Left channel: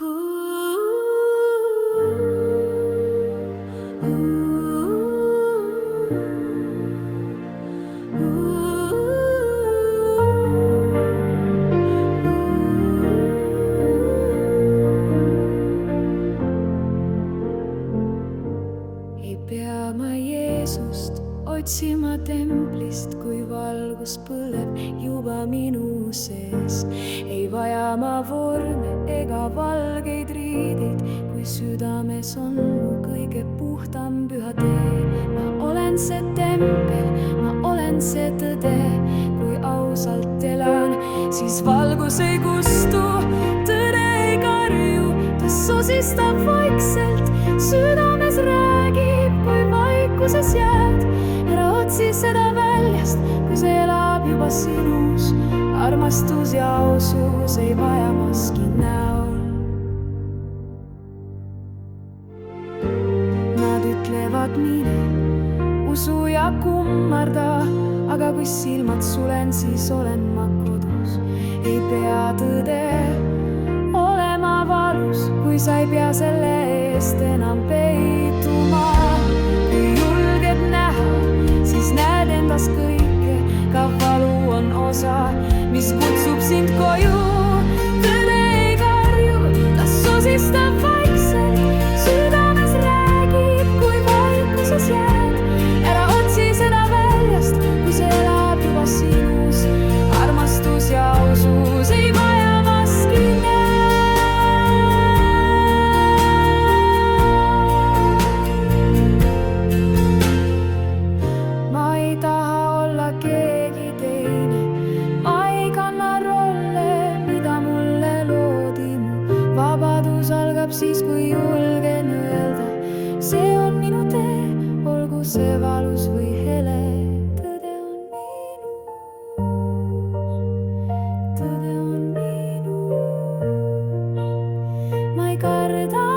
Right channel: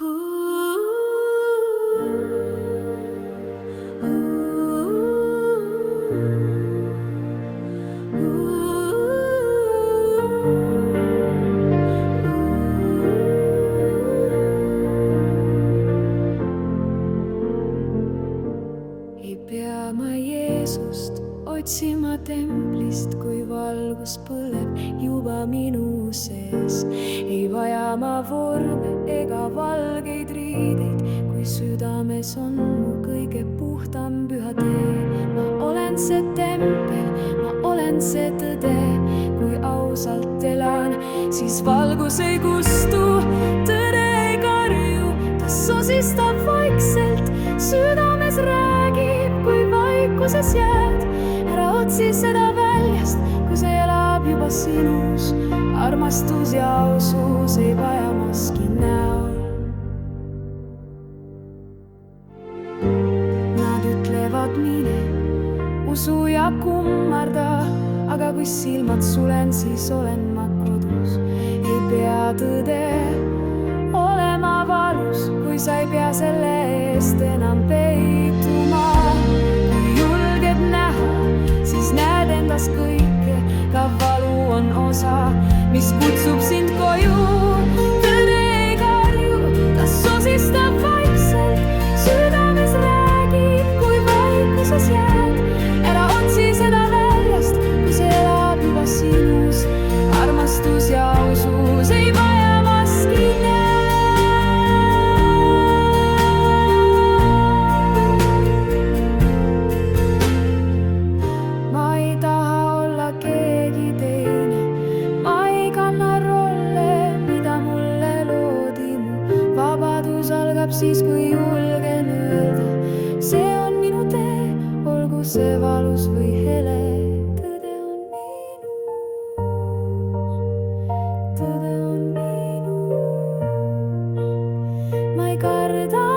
Ei pea ma Jeesust otsima templist, kui valgus põleb juba minu sees. Ei vaja ma vorme ega valgeid riideid, kui südames on mu kõige puhtam püha tee. Ma olen see tempel, ma olen see tõde, kui ausalt elan, siis valgus ei kustu, tõde ei karju, ta sosistab vaikselt, südames räägib, kui vaikuses jääd. Ära otsi seda väljast, kui see elab juba sinus. Armastus ja ausus ei vaja maski näol. Nad ütlevad mine, usu ja kummarda, aga kui silmad sulen, siis olen ma kodus. Ei pea tõde olema valus, kui sa ei pea selle eest enam peituma. Kui julged näha, siis näed endas kõike, ka valu on osa, mis kutsub sind koju. Tõde ei karju, ta sosistab vaikselt, südames räägib, kui vaikuses jääd. Ära otsi seda väljast, kui see elab juba sinus. Armastus ja ausus ei vaja maski näed. Ma ei taha olla keegi teine, ma ei kanna rolle, mida mulle loodi. Mu vabadus algab siis, kui julgen öelda, see on minu tee, olgu see valus või hele. Tõde on minus, tõde on minus, ma ei karda